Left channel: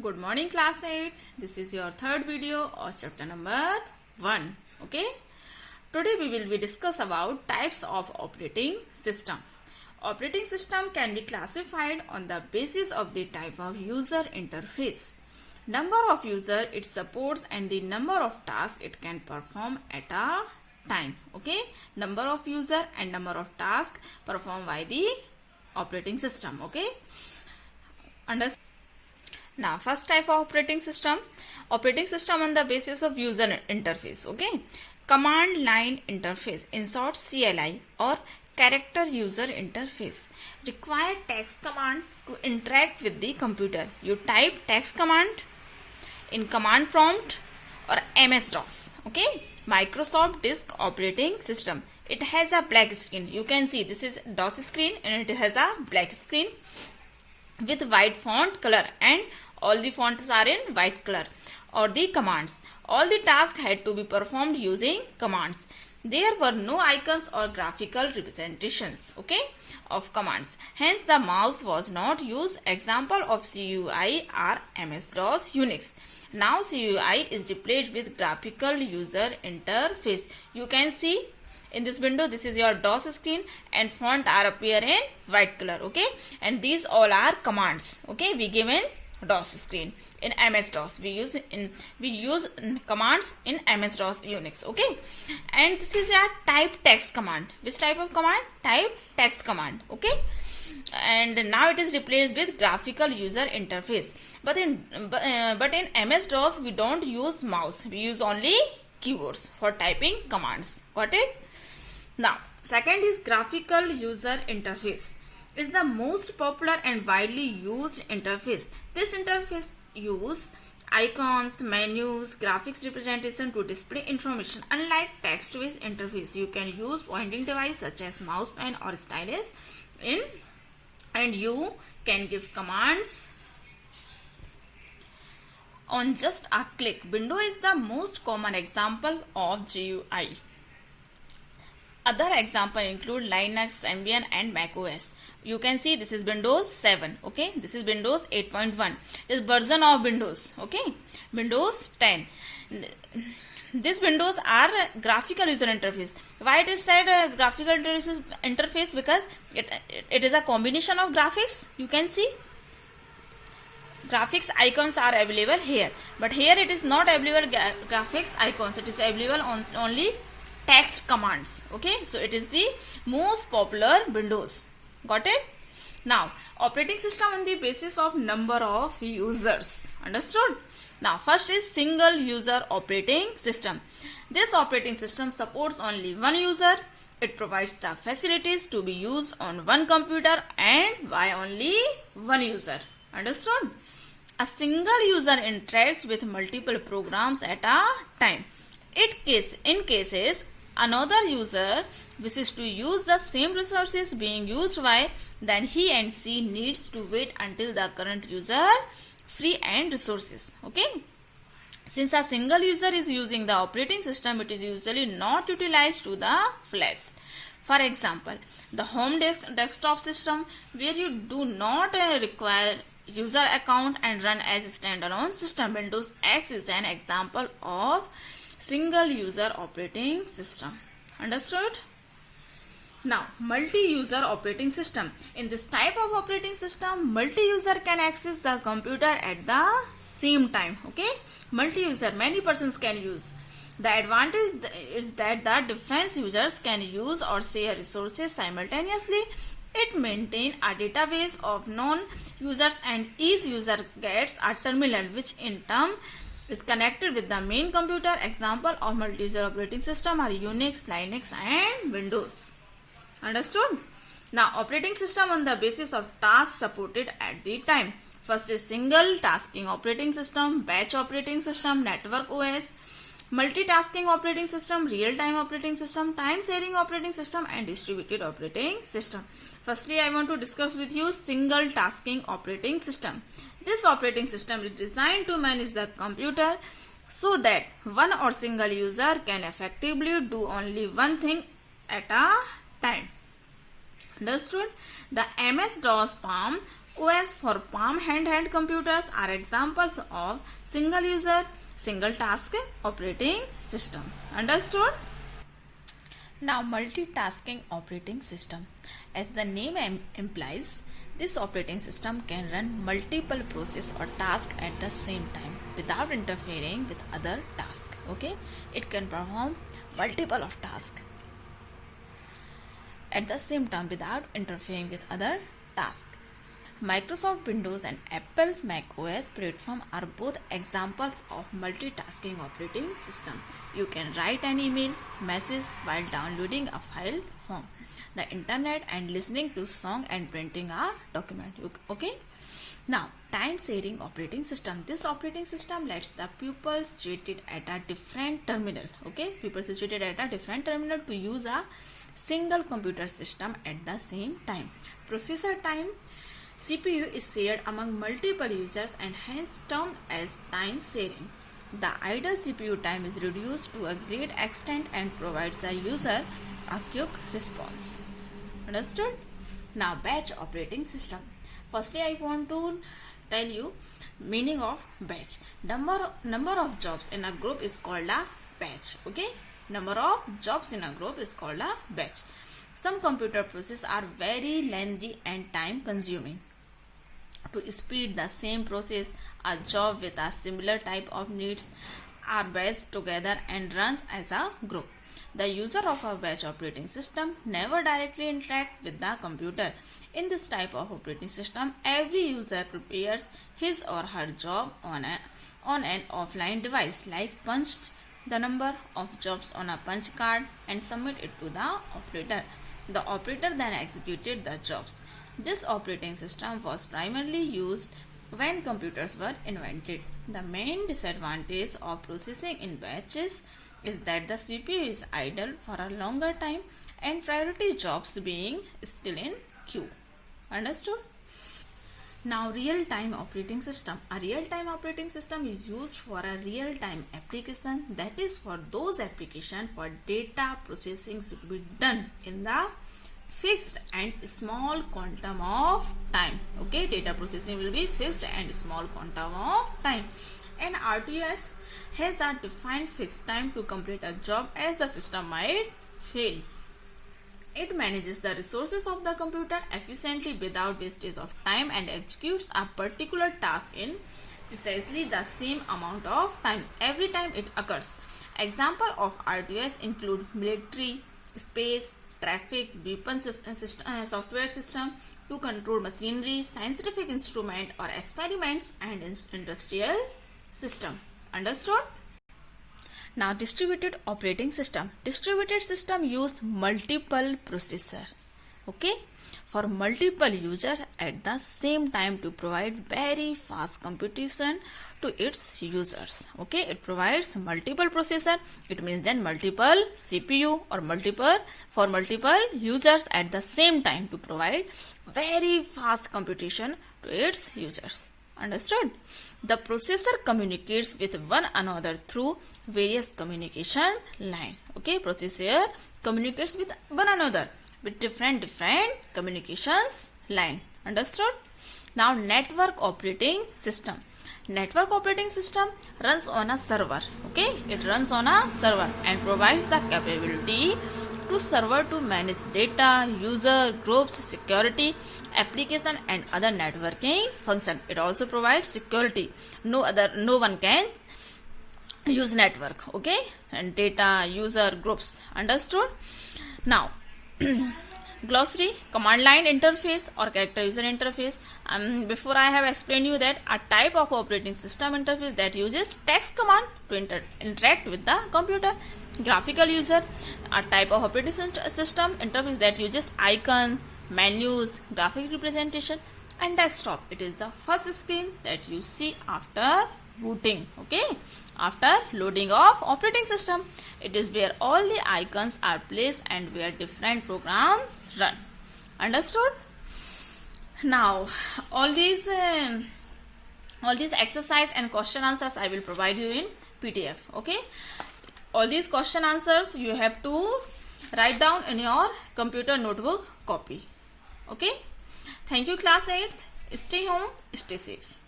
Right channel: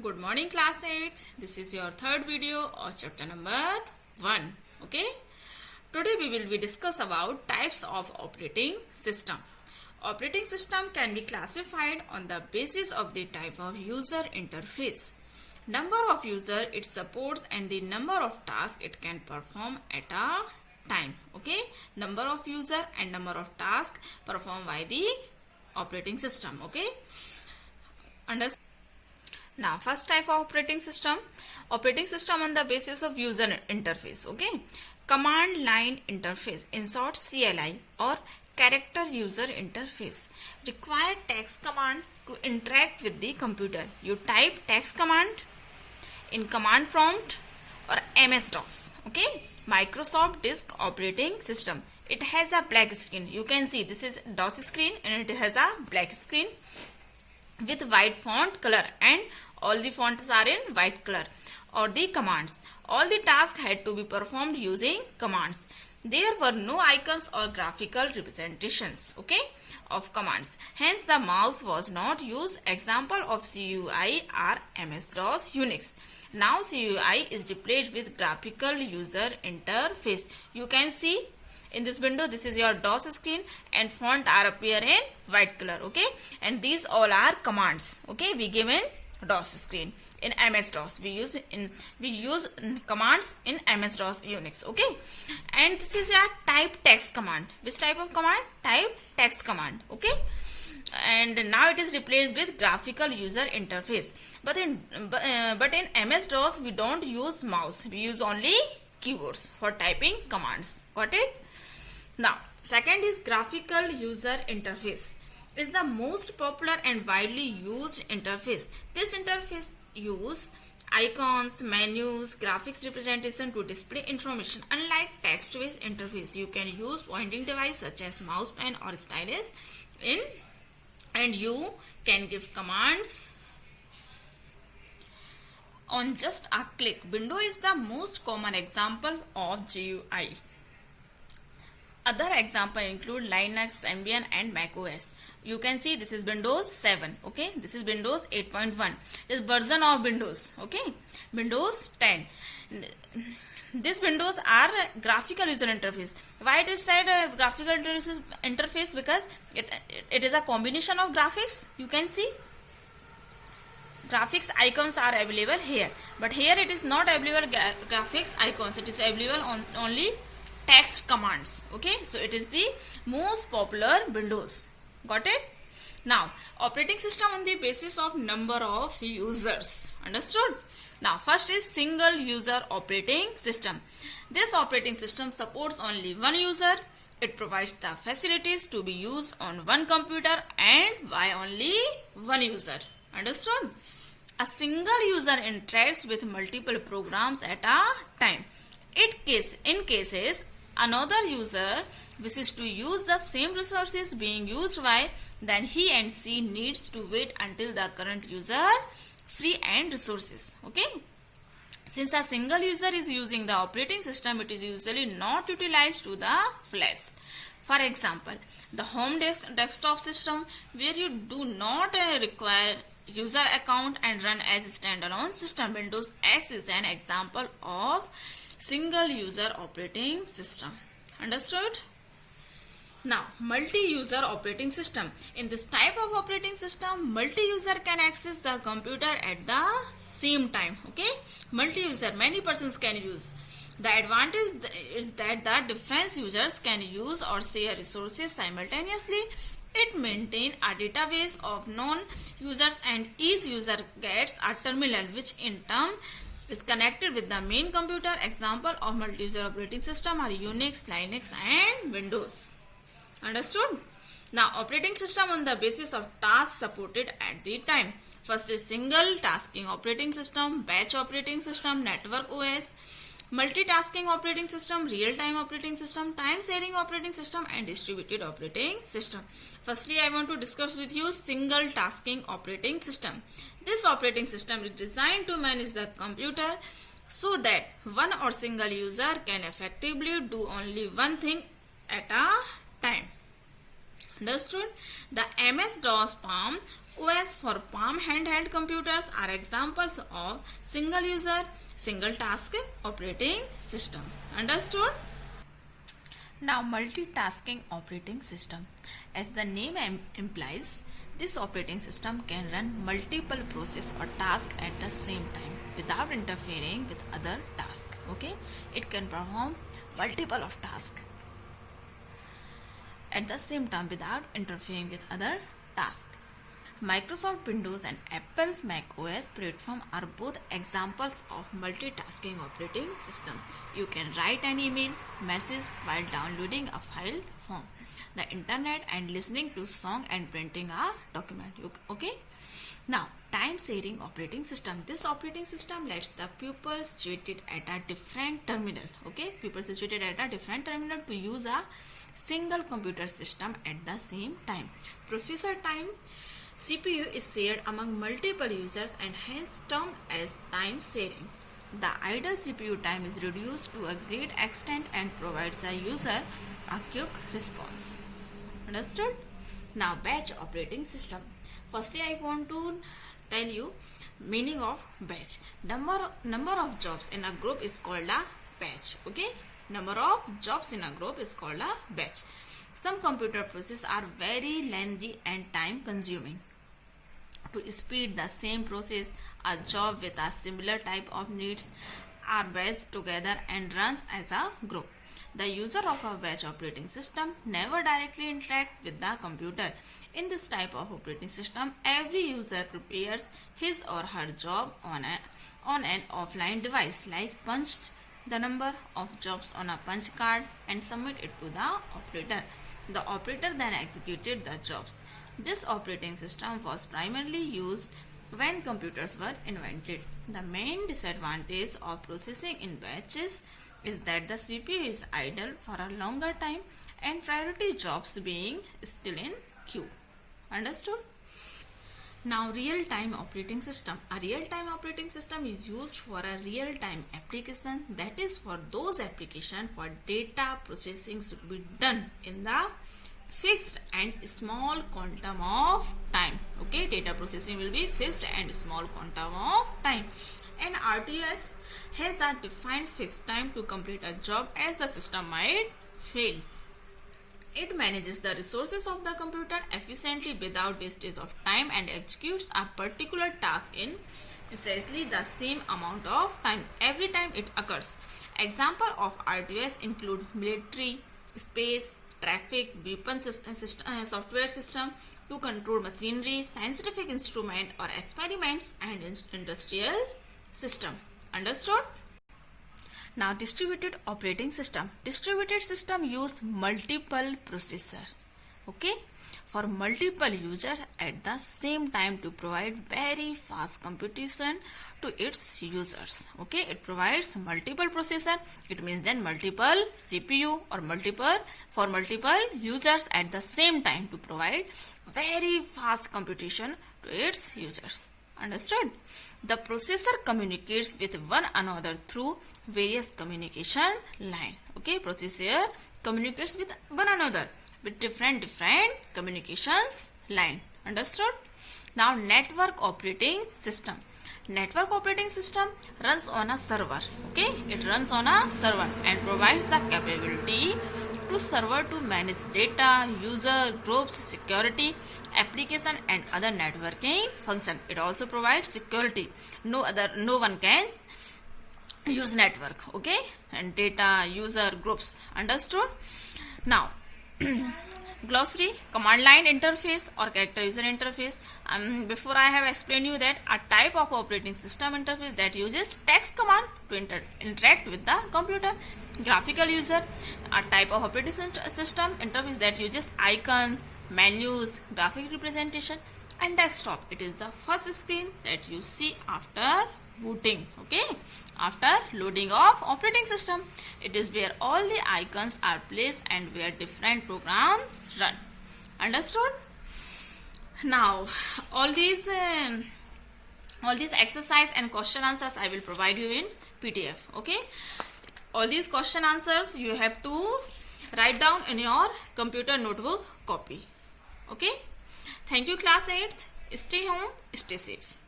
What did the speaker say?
Good morning class 8. This is your third video of chapter number 1. Okay. Today we will be discuss about types of operating system. Operating system can be classified on the basis of the type of user interface, number of user it supports and the number of tasks it can perform at a time. Okay. Number of user and number of tasks performed by the operating system. Okay. Understand? Now, first type of operating system on the basis of user interface. Okay, command line interface, in short CLI, or character user interface. Require text command to interact with the computer. You type text command in command prompt or MS-DOS. Okay, Microsoft Disk Operating System. It has a black screen. You can see this is DOS screen and it has a black screen with white font color, and all the fonts are in white color, or the commands. All the tasks had to be performed using commands. There were no icons or graphical representations, okay, of commands. Hence, the mouse was not used. Example of CUI are MS-DOS, Unix. Now, CUI is replaced with graphical user interface. You can see in this window, this is your DOS screen and font are appear in white color, okay, and these all are commands, okay, we give in DOS screen. In MS-DOS we use commands in MS-DOS Unix, okay, and this is a type text command. Which type of command? Type text command, okay, and now it is replaced with graphical user interface. But in MS-DOS we don't use mouse, we use only keyboards for typing commands. Got it? Now, second is graphical user interface. Is the most popular and widely used interface. This interface use icons, menus, graphics representation to display information. Unlike text-based interface, you can use pointing device such as mouse pen or stylus and you can give commands on just a click. Window is the most common example of GUI. Other examples include Linux, Symbian and macOS. You can see this is Windows 7. Okay, this is Windows 8.1. This version of Windows. Okay, Windows 10. These Windows are graphical user interface. Why it is said graphical interface? Because it is a combination of graphics. You can see graphics icons are available here, but here it is not available graphics icons. It is available on only text commands. Okay, so it is the most popular Windows. Got it? Now, operating system on the basis of number of users. Understood? Now, first is single user operating system. This operating system supports only one user. It provides the facilities to be used on one computer and by only one user. Understood? A single user interacts with multiple programs at a time. In cases another user wishes to use the same resources being used by, then he and she needs to wait until the current user free and resources. Okay. Since a single user is using the operating system, it is usually not utilized to the fullest. For example, the home desktop system, where you do not require user account and run as a standalone system. Windows X is an example of single user operating system. Understood? Now, multi-user operating system. In this type of operating system, multi-user can access the computer at the same time. Okay, multi-user, many persons can use. The advantage is that the different users can use or share resources simultaneously. It maintains a database of known users and each user gets a terminal which in turn is connected with the main computer. Example of multi-user operating system are Unix, Linux and Windows. Understood? Now, operating system on the basis of tasks supported at the time. First is single tasking operating system, batch operating system, network OS, multitasking operating system, real-time operating system, time-sharing operating system and distributed operating system. Firstly, I want to discuss with you single tasking operating system. This operating system is designed to manage the computer so that one or single user can effectively do only one thing at a time. Understood? The MS-DOS PALM OS for Palm handheld computers are examples of single user, single task operating system. Understood? Now, multitasking operating system. As the name implies, this operating system can run multiple processes or tasks at the same time without interfering with other tasks. Okay, it can perform multiple of tasks at the same time without interfering with other tasks. Microsoft Windows and Apple's Mac OS platform are both examples of multitasking operating system. You can write an email message while downloading a file from the internet and listening to song and printing a document. Okay? Now, time sharing operating system. This operating system lets the pupils situated at a different terminal. Okay? People situated at a different terminal to use a single computer system at the same time. Processor time. CPU is shared among multiple users and hence termed as time sharing. The idle CPU time is reduced to a great extent and provides a user a quick response. Understood? Now, batch operating system. Firstly, I want to tell you meaning of batch. Number of jobs in a group is called a batch. Okay? Number of jobs in a group is called a batch. Some computer processes are very lengthy and time consuming. To speed the same process, a job with a similar type of needs are batched together and run as a group. The user of a batch operating system never directly interact with the computer. In this type of operating system, every user prepares his or her job on an offline device, like punched the number of jobs on a punch card and submit it to the operator. The operator then executed the jobs. This operating system was primarily used when computers were invented. The main disadvantage of processing in batches is that the CPU is idle for a longer time and priority jobs being still in queue. Understood? Now, real-time operating system. A real-time operating system is used for a real-time application, that is for those applications for data processing should be done in the fixed and small quantum of time. Okay, data processing will be fixed and small quantum of time. And RTOS has a defined fixed time to complete a job as the system might fail. It manages the resources of the computer efficiently without wastage of time and executes a particular task in precisely the same amount of time every time it occurs. Example of RTOS include military, space, traffic, weapon software system to control machinery, scientific instrument or experiments, and industrial system. Understood? Now, distributed operating system. Distributed system use multiple processor. Okay, for multiple users at the same time to provide very fast computation to its users. Okay, it provides multiple processor. It means then multiple CPU or multiple users at the same time to provide very fast computation to its users. Understood? The processor communicates with one another through various communication line. Okay, processor communicates with one another with different communications line. Understood? Now, network operating system. Network operating system runs on a server. Okay, it runs on a server and provides the capability to server to manage data, user, groups, security, application and other networking function. It also provides security. No one can use network. Okay, and data, user, groups. Understood? Now, glossary, command line interface or character user interface. Before I have explained you that a type of operating system interface that uses text command to interact with the computer. Graphical user, a type of operating system interface that uses icons, menus, graphic representation, and desktop. It is the first screen that you see after booting. Okay, after loading of operating system, it is where all the icons are placed and where different programs run. Understood? Now, all these exercise and question answers I will provide you in PDF. Okay, all these question answers you have to write down in your computer notebook copy. Okay, thank you class 8th. Stay home, stay safe.